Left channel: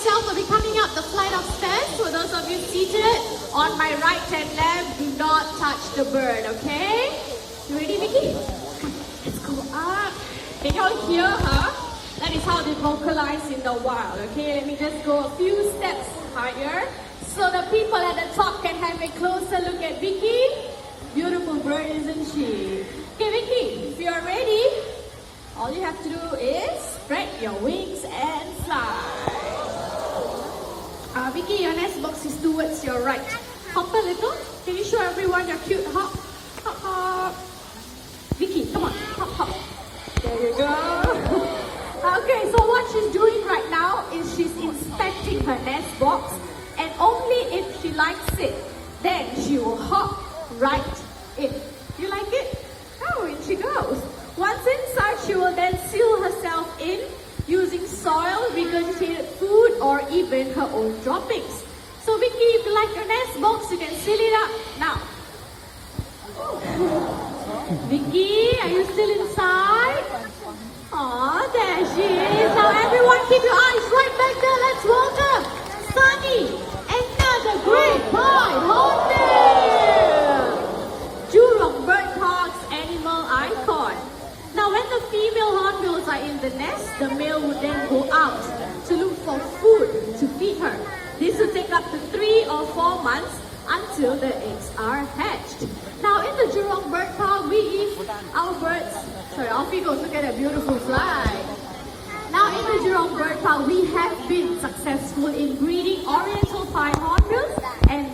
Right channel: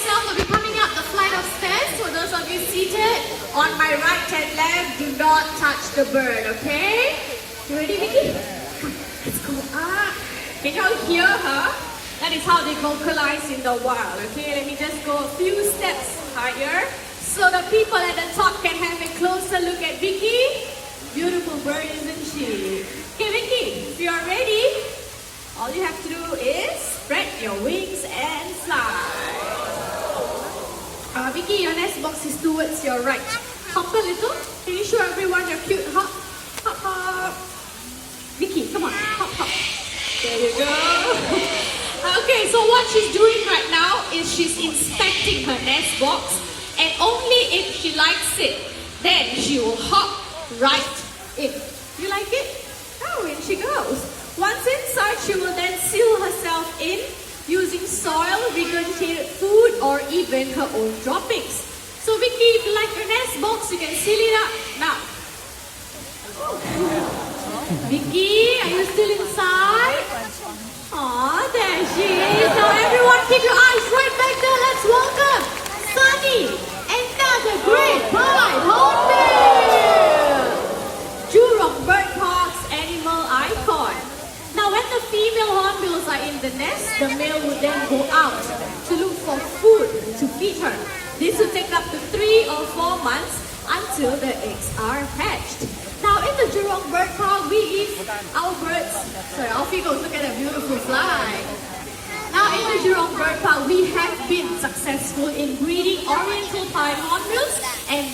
myself will be coming up the flight of stairs. For those of you seated on my right and left, do not touch the bird, okay? You ready, Vicky? Come, let's go up. Can you all hear her? That is how they vocalize in the wild, okay? Let me just go a few steps higher so the people at the top can have a closer look at Vicky. Beautiful bird, isn't she? Okay, Vicky, if you're ready, all you have to do is spread your wings and fly. Vicky, your nest box is towards your right. Hop a little. Can you show everyone your cute hop? Hop, hop. Vicky, come on. Hop, hop. There you go. Okay, so what she's doing right now is she's inspecting her nest box, and only if she likes it, then she will hop right in. You like it? Oh, in she goes. Once inside, she will then seal herself in using soil, regurgitated food, or even her own droppings. So Vicky, if you like your nest box, you can seal it up now. Vicky, are you still inside? Aw, there she is. Now everyone keep your eyes right back there. Let's welcome Sunny, another great boy hornbill. Jurong Bird Park's animal icon. Now when the female hornbills are in the nest, the male would then go out to look for food to feed her. This will take up to 3 or 4 months until the eggs are hatched. Now in the Jurong Bird Park, we eat our birds. Sorry, off he goes. Look at that beautiful fly. Now in the Jurong Bird Park, we have been successful in breeding Oriental Pine hornbills and